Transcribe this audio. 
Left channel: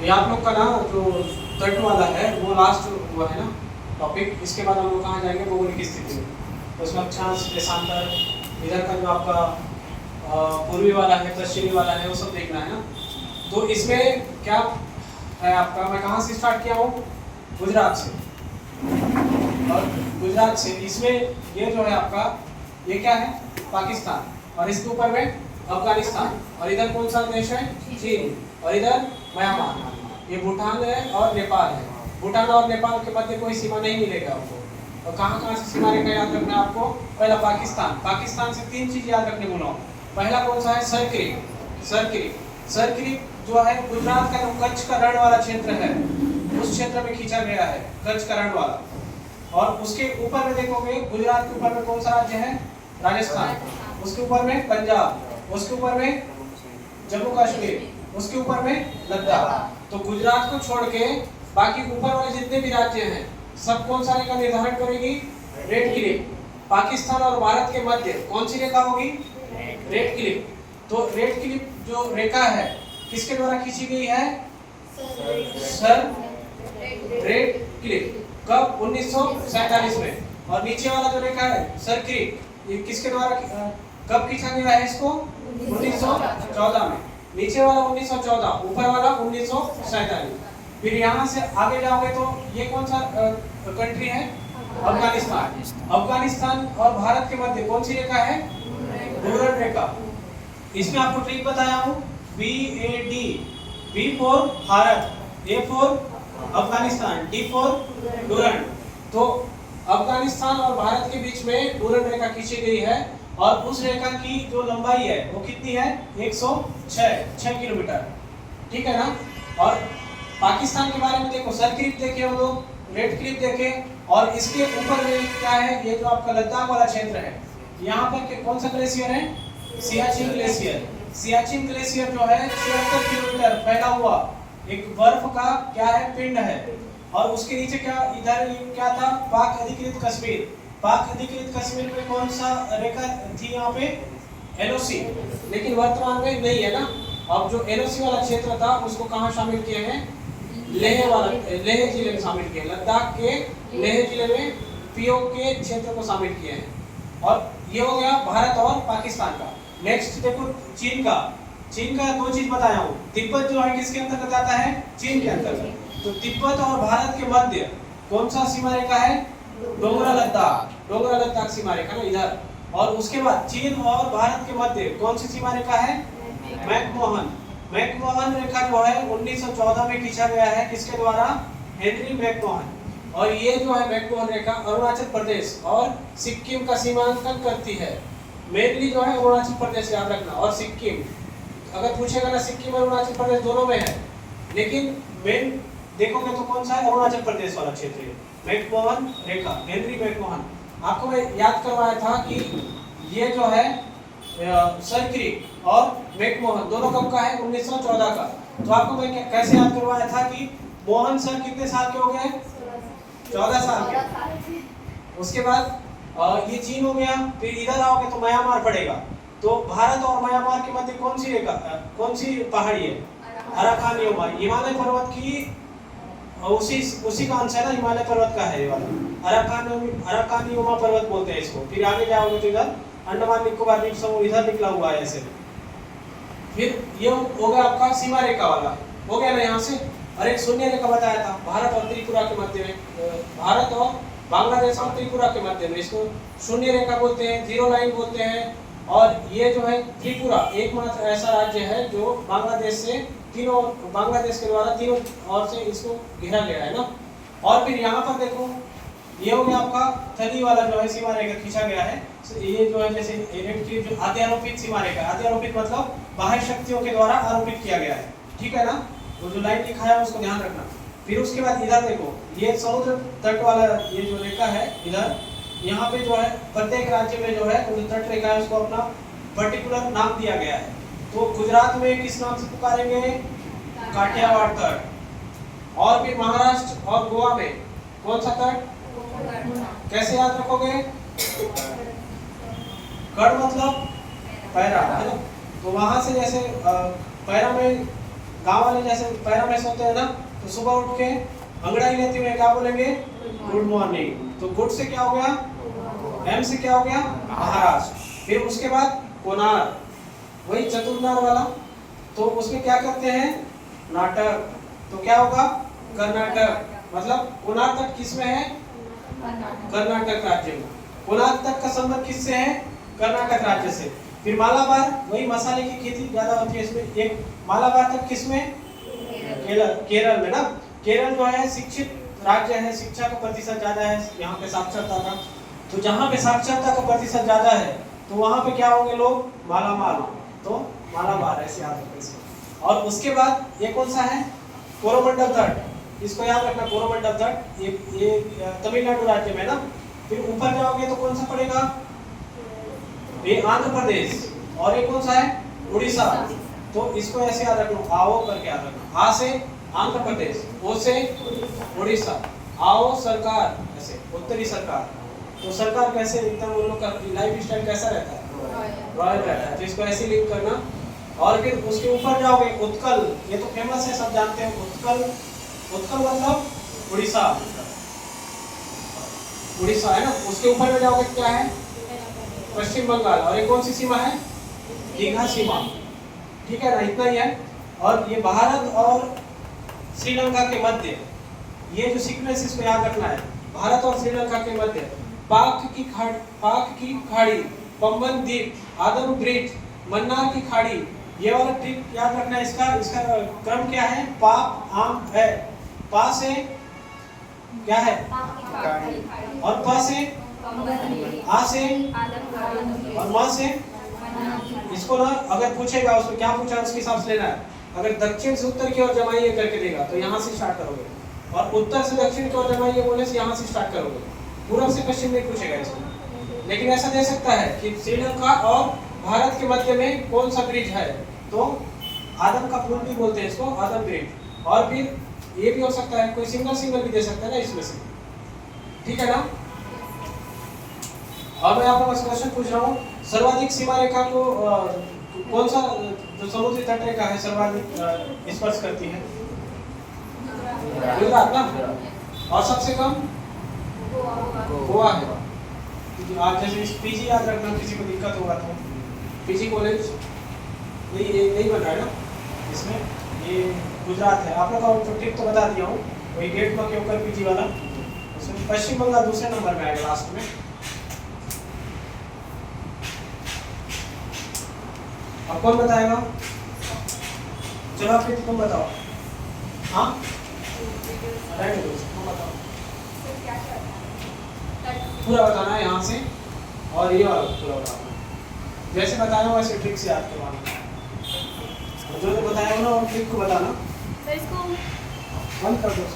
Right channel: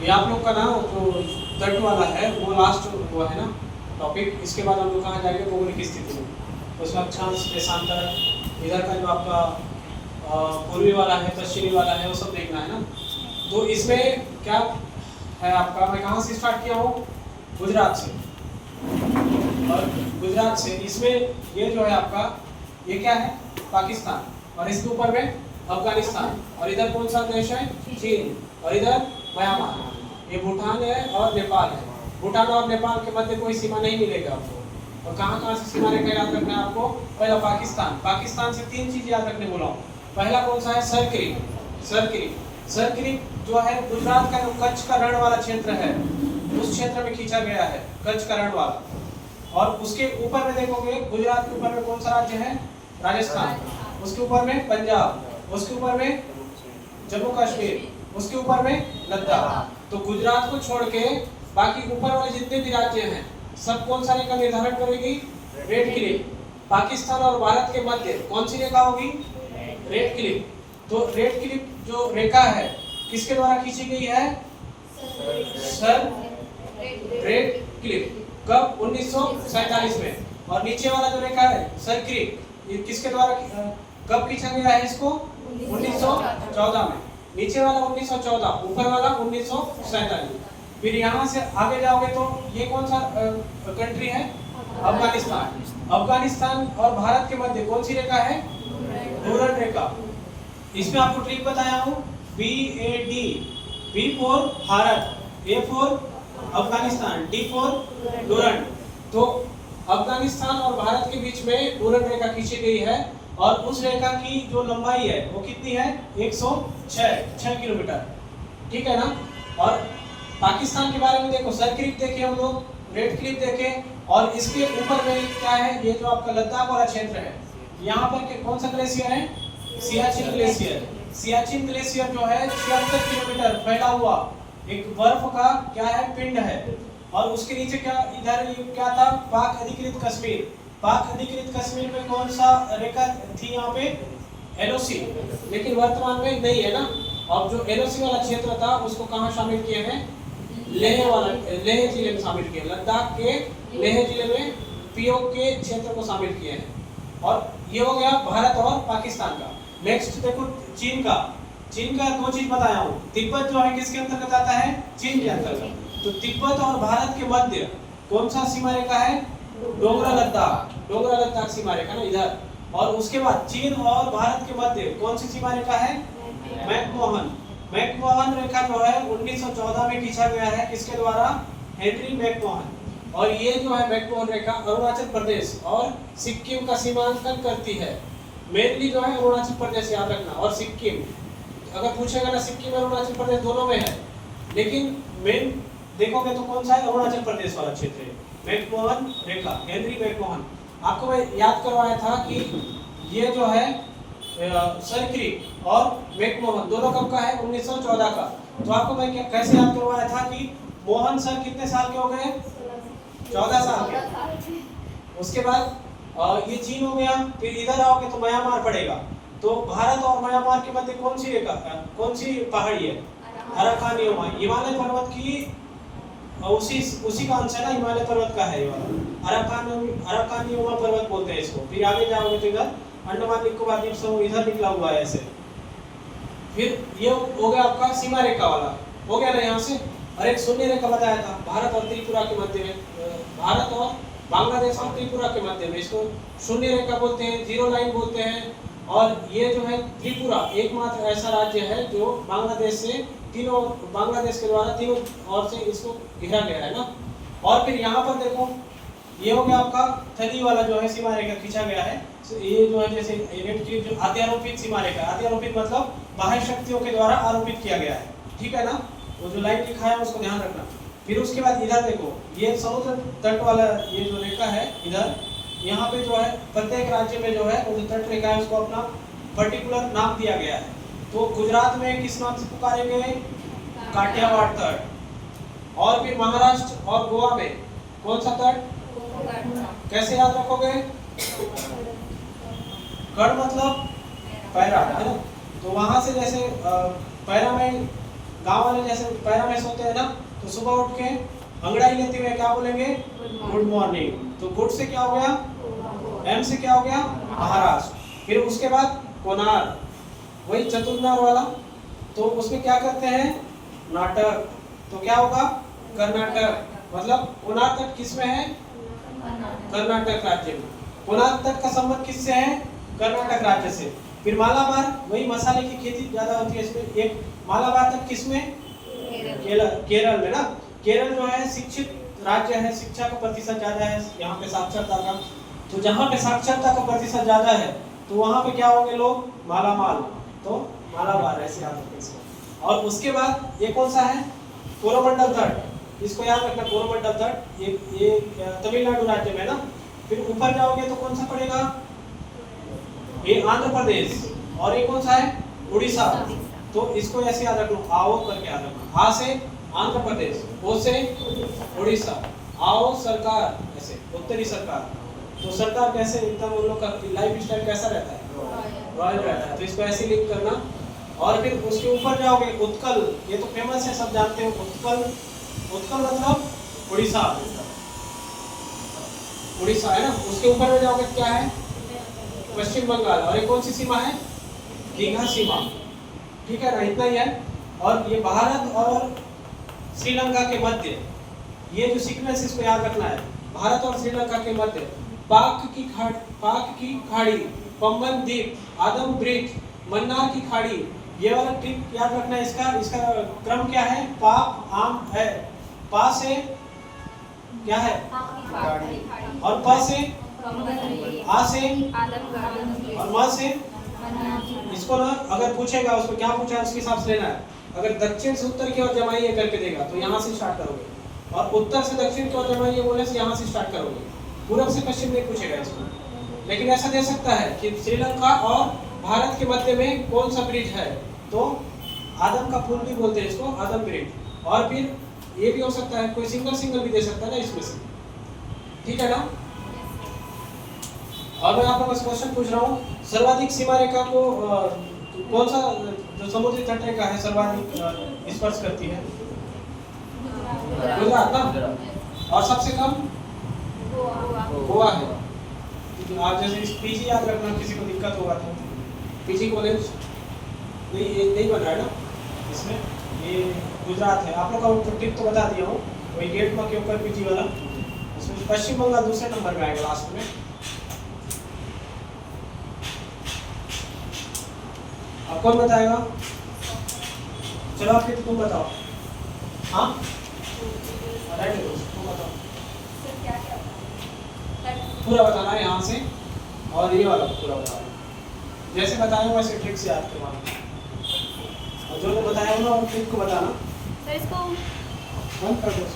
ये आप लोग का ना जो तट वाला है वो लास्ट हुआ है ना टॉपिक। इसके बाद हम लोग कहाँ जाएंगे, भौगोलिक स्थिति में। तो उसमें अक्षांश, देशांतर, इधर का जो आपका पूर्वी वाला है, पश्चिमी वाला है, वो सब देखना है ना। तो इसमें क्या है आपका, मैं कहाँ से स्टार्ट किया हूँ, गुजरात से। और गुजरात से इसमें ये जो है आपका, ये क्या है, पाकिस्तान, और इसके ऊपर में अफगानिस्तान, और इधर कौन सा देश है, चीन, और इधर म्यांमार, ये भूटान है और नेपाल है। भूटान और नेपाल के मध्य कोई सीमा नहीं मिलेगा आपको। और कहाँ कहाँ से सीमा रेखा याद रखना है आपको, पहला पाकिस्तान। पाकिस्तान से 3 चीज याद रखने बोला हूँ। पहला कौन सा है, सरक्रीक। सरक्रीक जो है गुजरात का जो कच्छ का रण वाला क्षेत्र है, उस क्षेत्र में खींचा गया है, कच्छ का रण वाला। और उसके ऊपर में देखोगे, गुजरात के ऊपर में कौन सा राज्य है, राजस्थान, उसके ऊपर में पंजाब, उसके ऊपर में जम्मू कश्मीर, उसके ऊपर में लद्दाख। तो गुजरात को छोड़ के बाकी ऊपर वाले जितने भी राज्य हैं, सब कौन सा रेखा निर्धारण करेगी, रेड क्लिफ। पाकिस्तान और भारत के मध्य कौन सी रेखा होगी, रेड क्लिफ। तो रेड क्लिफ जो रेखा है किसके द्वारा खींची गई है, सर रेड क्लिफ। कब, 1947 में। और नीचे वाला जो रेखा है सर क्रीक, ये किसके द्वारा कब खींचा गया है इसको, 1914 में। नीचे वाला 1914, ऊपर वाला 1947। फिर यहाँ से आगे जाओगे तो ये कौन सा कंट्री है, अफगानिस्तान। अफगानिस्तान और भारत के मध्य कौन सी रेखा है, डूरन रेखा। इसमें आपको ट्रिक बताया हूँ, BAD, B for Bharat, A for Afghanistan, D for Durand. तो अफगानिस्तान और भारत के बीच में डूरन रेखा खींची गई है, और उस रेखा की जो लंबाई है वो कितनी है, 106 किलोमीटर, ठीक है ना। और पाकिस्तान के बारे में देखो, सर क्रीक देखे हम लोग, रेड क्लिफ देखे, और इसके ऊपर में क्या है, ये जो आपका लद्दाख वाला क्षेत्र है, यहाँ पर कौन सा ग्लेशियर है, सियाचिन ग्लेशियर। सियाचिन ग्लेशियर जो है 76 किलोमीटर फैला हुआ एक बर्फ का क्या है, पिंड है। और उसके नीचे क्या, इधर क्या था, पाक अधिकृत कश्मीर। पाक अधिकृत कश्मीर में कौन सा रेखा थी, यहाँ पे LOC, लेकिन वर्तमान में नहीं है ना। अब जो LOC वाला क्षेत्र था उसको कहाँ शामिल किए हैं, लेह जिले में शामिल किए, लद्दाख के लेह जिले में POK के क्षेत्र को शामिल किए हैं। और ये हो गया भारत और पाकिस्तान का। नेक्स्ट देखो चीन का 2 चीज बताया हूँ। तिब्बत जो है किसके अंतर्गत आता है, चीन के अंतर्गत। तो तिब्बत और भारत के मध्य कौन सा सीमा रेखा है, डोगरा लद्दाख सीमा रेखा ना इधर। और उसके बाद चीन और भारत के मध्य कौन सी सीमा रेखा है, मैकमोहन रेखा जो है 1914 में खींचा गया है, किसके द्वारा, हेनरी मैकमोहन। और ये जो है मैकमोहन रेखा अरुणाचल प्रदेश और सिक्किम का सीमांकन करती है। मेनली जो है अरुणाचल प्रदेश याद रखना, और सिक्किम। अगर पूछेगा ना, सिक्किम और अरुणाचल प्रदेश दोनों में है, लेकिन मेन देखोगे तो कौन सा है, अरुणाचल प्रदेश वाला क्षेत्र है। मैकमोहन रेखा, हेनरी मैकमोहन। आपको मैं याद करवाया था कि ये जो है सर क्रीक और मैकमोहन दोनों कब का है, 1914 का। तो आपको मैं कैसे याद करवाया था कि मोहन सर कितने साल के हो गए, 14 साल के। उसके बाद ये चीन हो गया। फिर इधर आओगे तो म्यांमार पड़ेगा। तो भारत और म्यांमार के मध्य कौन सी रेखा, कौन सी पहाड़ी है, अराकान योमा, हिमालय पर्वत की उसी का अंश है ना, हिमालय पर्वत का है ये वाला, अराकान योमा पर्वत बोलते हैं इसको। फिर आगे जाओगे तो इधर अंडमान निकोबार द्वीप समूह इधर निकला हुआ है ऐसे। फिर ये हो गया आपका सीमा रेखा वाला, हो गया ना यहाँ से। और एक शून्य रेखा बताया था, भारत और त्रिपुरा के मध्य में, भारत और बांग्लादेश और त्रिपुरा के मध्य में, इसको शून्य रेखा बोलते हैं, जीरो लाइन बोलते हैं। और ये जो है त्रिपुरा एकमात्र ऐसा राज्य है जो बांग्लादेश के द्वारा तीनों ओर से इसको घेरा गया है ना। और फिर यहाँ पर देखो, ये हो गया आपका थली वाला जो है सीमा रेखा खींचा गया है। ये जो है जैसे जो अत्यारोपित सीमा रेखा, अत्यारोपित मतलब बाह्य शक्तियों के द्वारा आरोपित किया गया है, ठीक है ना। वो जो लाइन लिखा है उसको ध्यान रखना। फिर उसके बाद इधर देखो, ये समुद्र तट वाला ये जो रेखा है इधर, यहाँ पे जो है प्रत्येक राज्य में जो है वो तट रेखा है उसको अपना पर्टिकुलर नाम दिया गया है। तो गुजरात में किस नाम से पुकारेंगे, काठियावाड़ तट। और फिर महाराष्ट्र और गोवा में कौन सा तट, कैसे याद रखोगे, कड़ मतलब पैरा है ना। तो वहां से जैसे पैरा में गांव वाले जैसे पैरों में सोते हैं ना, तो सुबह उठ के अंगड़ाई लेते हुए क्या बोलेंगे? Good morning. तो गुड से क्या हो गया? एम से क्या हो गया? महाराष्ट्र। फिर उसके बाद कोणार्क, वही चतुर्नार वाला, तो उसमें क्या करते हैं? नाटक। तो क्या होगा? कर्नाटक। मतलब कोणार्क तक किस में है? कर्नाटक राज्य में। कोणार्क तक का संबंध किससे है? कर्नाटक राज्य से। फिर मालाबार, वही मसाले की खेती ज्यादा होती है इसमें। एक मालाबार तक किसमें? केरल में ना। केरल जो है शिक्षित राज्य है, शिक्षा का प्रतिशत ज्यादा है यहाँ पे, साक्षरता का। तो जहाँ पे साक्षरता का प्रतिशत ज्यादा है तो वहाँ पे क्या होंगे लोग? मालामाल। तो मालाबार ऐसे याद रखते इसको। और उसके बाद ये कौन सा है? कोरोमंडल तट। इसको याद रखना, कोरोमंडल तट ये तमिलनाडु राज्य में ना। फिर ऊपर जाओगे तो कौन सा पड़ेगा? ये आंध्र प्रदेश। और ये कौन सा है? उड़ीसा। तो इसको ऐसे याद रखना, आओ करके याद रखना। आ से आंध्र प्रदेश, ओ से उड़ीसा, आओ सरकार, ऐसे उत्तरी सरकार। तो सरकार कैसे एकदम उन लोग का लाइफ स्टाइल कैसा रहता है? रॉयल रहता है। तो इसको ऐसे लिंक करना। और फिर उसके ऊपर जाओगे, उत्कल, ये तो फेमस है, सब जानते हो। उत्कल, उत्कल मतलब उड़ीसा, उड़ीसा है ना। उसके ऊपर में जाओगे क्या है? पश्चिम बंगाल। और ये कौन सी सीमा है? दीघा सीमा। ठीक है ना, इतना ही है। और ये भारत और श्रीलंका के मध्य, ये जो सीक्वेंस इसको याद रखना है, भारत और श्रीलंका के मध्य पाक की खाड़ी, पंबन द्वीप, आदम ब्रिज, मन्नार की खाड़ी, ये वाला ट्रिक याद रखना है। इसका क्रम क्या है? पाक आम है, पा से क्या है? और प से, आ से, और म से। इसको ना अगर पूछेगा, उसमें क्या पूछा है उसके हिसाब से लेना है। अगर दक्षिण से उत्तर की ओर जमाइए करके देगा तो यहाँ से स्टार्ट करोगे, और उत्तर से दक्षिण की ओर जमाइए बोले से यहाँ से स्टार्ट करोगे। पूर्व से पश्चिम में पूछेगा इसको। लेकिन ऐसा दे सकता है कि श्रीलंका और भारत के मध्य में कौन सा ब्रिज है, तो आदम का पुल भी बोलते हैं इसको, आदम ब्रिज। और फिर ये भी हो सकता है, कोई सिंगल भी दे सकता है ना इसमें से। ठीक है ना। और मैं आपको क्वेश्चन पूछ रहा हूँ, सर्वाधिक सीमा रेखा को कौन सा जो समुद्री तट रेखा है सर्वाधिक स्पर्श करती है? गुजरात ना। और सबसे कम गोवा है। आप जैसे पीजी याद रखना, किसी को दिक्कत होगा तो पीजी कॉलेज नहीं बन रहा है ना इसमें, ये गुजरात है। आप लोग का टिप तो बता दिया हूँ, वही गेट में के ऊपर पीजी वाला। उसमें पश्चिम बंगाल दूसरे नंबर में आएगा लास्ट में। अब कौन बताएगा? चलो आप तुम बताओ। हाँ तुम बताओ। पूरा बताना है यहाँ से, और ये वाला पूरा बताना है। जैसे बताया वैसे ट्रिक से याद करवाना, और जो बताया ना और ट्रिक को बताना। तो इसको बंद कर दो।